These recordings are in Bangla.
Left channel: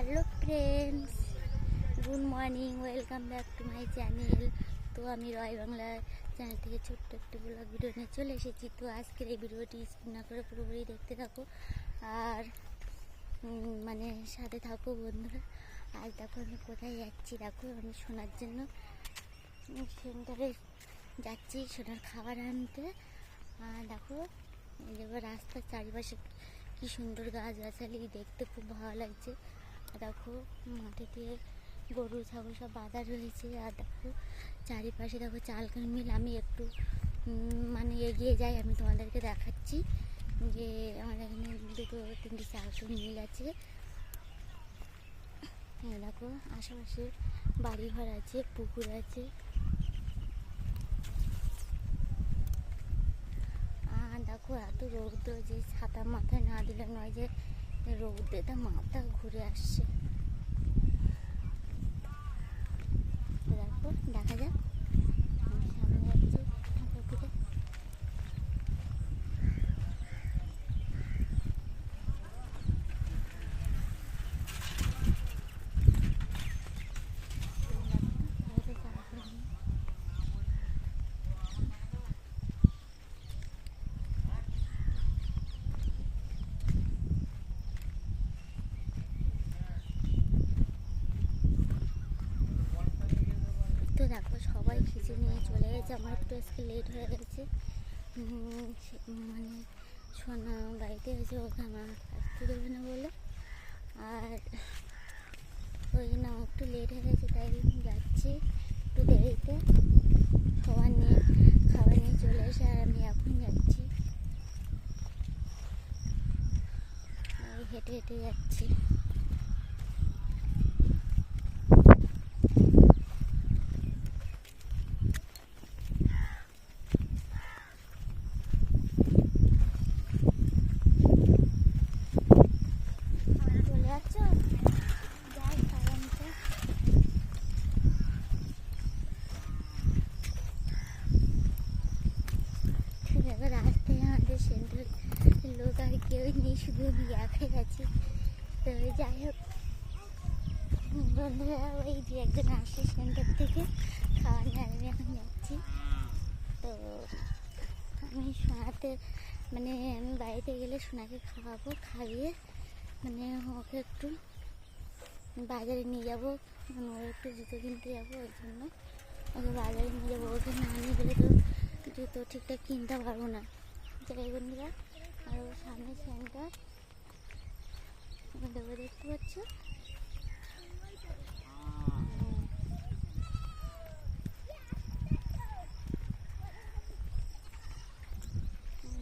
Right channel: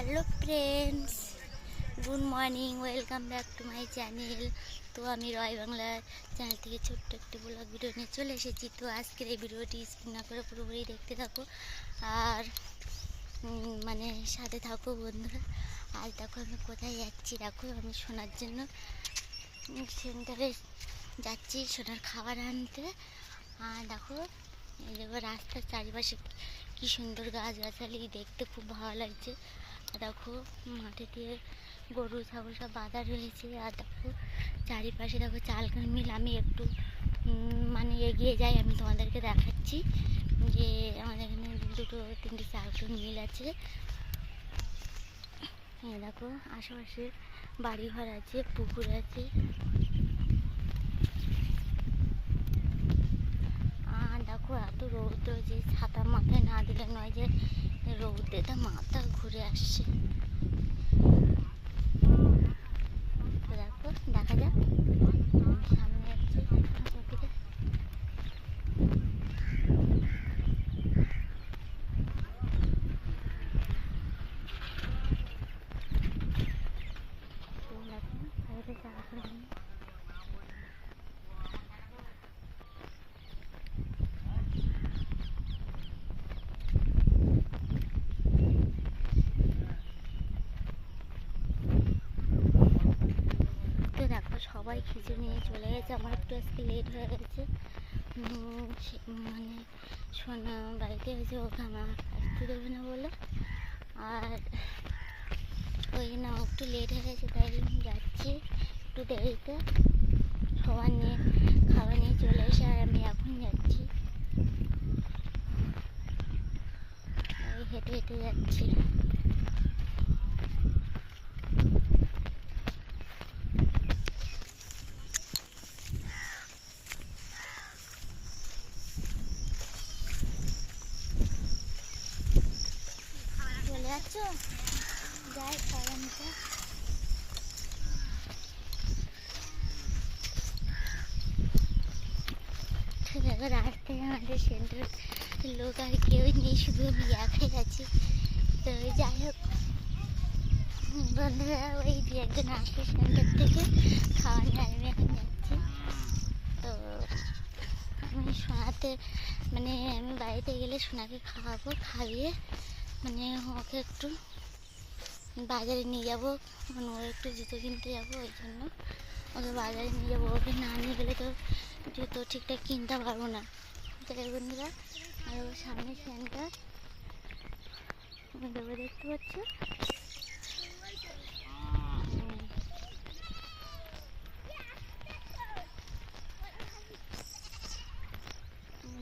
Hello friends, good morning, welcome back to my channel. তো আমি রয় বাংলা চ্যানেল থেকে ছোট্ট একটি ব্লগ ভিডিও নিয়ে চলে এসেছি। তো আজকের এই ভিডিওটি স্কিপ না করে পুরোপুরি দেখতে থাকো আর মানে সাথে থাকো বন্ধুরা। আজ দেখো আমি কোথায় যাচ্ছি, দেখো আমি সোনার জন্য সেন্টারে যাচ্ছি সোনার খাবার আনতে। আর দেখো এই দেখো রাস্তার চারিপাশে কি সুন্দর গাছগাছালি, দেখতে খুব ভালো লাগছে। দেখো মাঠে দিয়ে গরু ছাগল সব বাঁধা রয়েছে। আর দেখো চারিপাশে দেখো চালকান মিল। আমি একটু মানে এগিয়ে যাই, আমি তোমাদেরকে দেখাচ্ছি যে আমাদের এখানে দুটো তিনটে চালকান মিল আছে। দেখো আশেপাশে বাড়িঘর আছে, পুকুর আছে। আর দেখো এত রৌদ্র যে ছাতা মাথায় না দিলে নয়, যে রৌদ্রেটা মাথা ঘুরে আসছে। দেখো দেখা যাক, সামনে যাচ্ছি দিকে। তো দেখো সবাই খিচুড়ি নিয়ে চলে গেছে, আমার একটু আজকে লেট হয়ে গেছে। মানে সোনা বাড়িতে হয়েছে, ওকে আমার আসতে দেবে না বলে। আর ওই জন্য একটু লেট হয়ে গেছে, তাই যাচ্ছি একটু দেরিতে। সবার নিয়ে খাবার নিয়ে চলে এসে আর আমি এখন যাচ্ছি, হেঁটে হেঁটে যাচ্ছি। দেখো রাস্তায় আমাদের সেন্টার লোক আর কেউ নেই, শুধু আমি একাই আছি। তো যাই হোক বন্ধুরা, ওই দু একজন আসছে সেন্টার থেকে খাওয়া নিয়ে, আমি এখন যাচ্ছি। তো আমি সোনাতে মানে আমি বাড়িতে গেলে সোনাকে খাওয়াবো, খাইয়ে মানে ওকে একটু বাজারে নিয়ে যাবো, মানে ওর একটু জুতো কিনতে যাবো, ওই জন্য ওকে বাজারে নিয়ে যাবো। ওকে না নিয়ে গেলে তো জুতো ঠিকঠাক কিনতে পারবো না। তাই বন্ধুরা, আর ওর সামনে সেন্টার দেবো, দেখতে পাচ্ছি।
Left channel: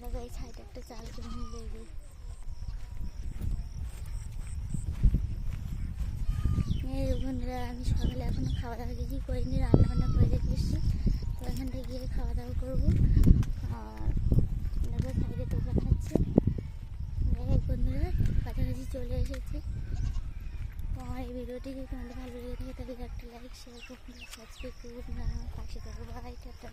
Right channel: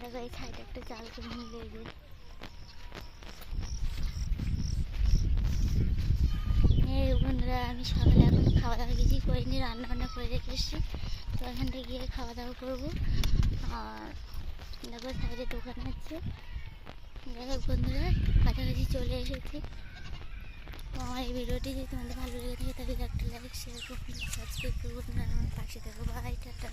দেখো এই সাইডে একটা চাল করে মিলে বন্ধুরা, আমি সকালে এখনো খাওয়া দাওয়া কিছুই করিনি, রান্না বান্না করে রেখে এসেছি। তো এখানটা গিয়ে খাওয়া দাওয়া করবো। আর দেখো সাইডে দোকান আছে। দেখো বন্ধুরা, কাছাকাছি চলে এসেছি। তো আমার এই ভিডিওটি যদি তোমাদের ভালো লেগে থাকে তাহলে একটা লাইক, শেয়ার করুন, সাবস্ক্রাইব করুন, আমার পাশে থাকো। Bye, tata.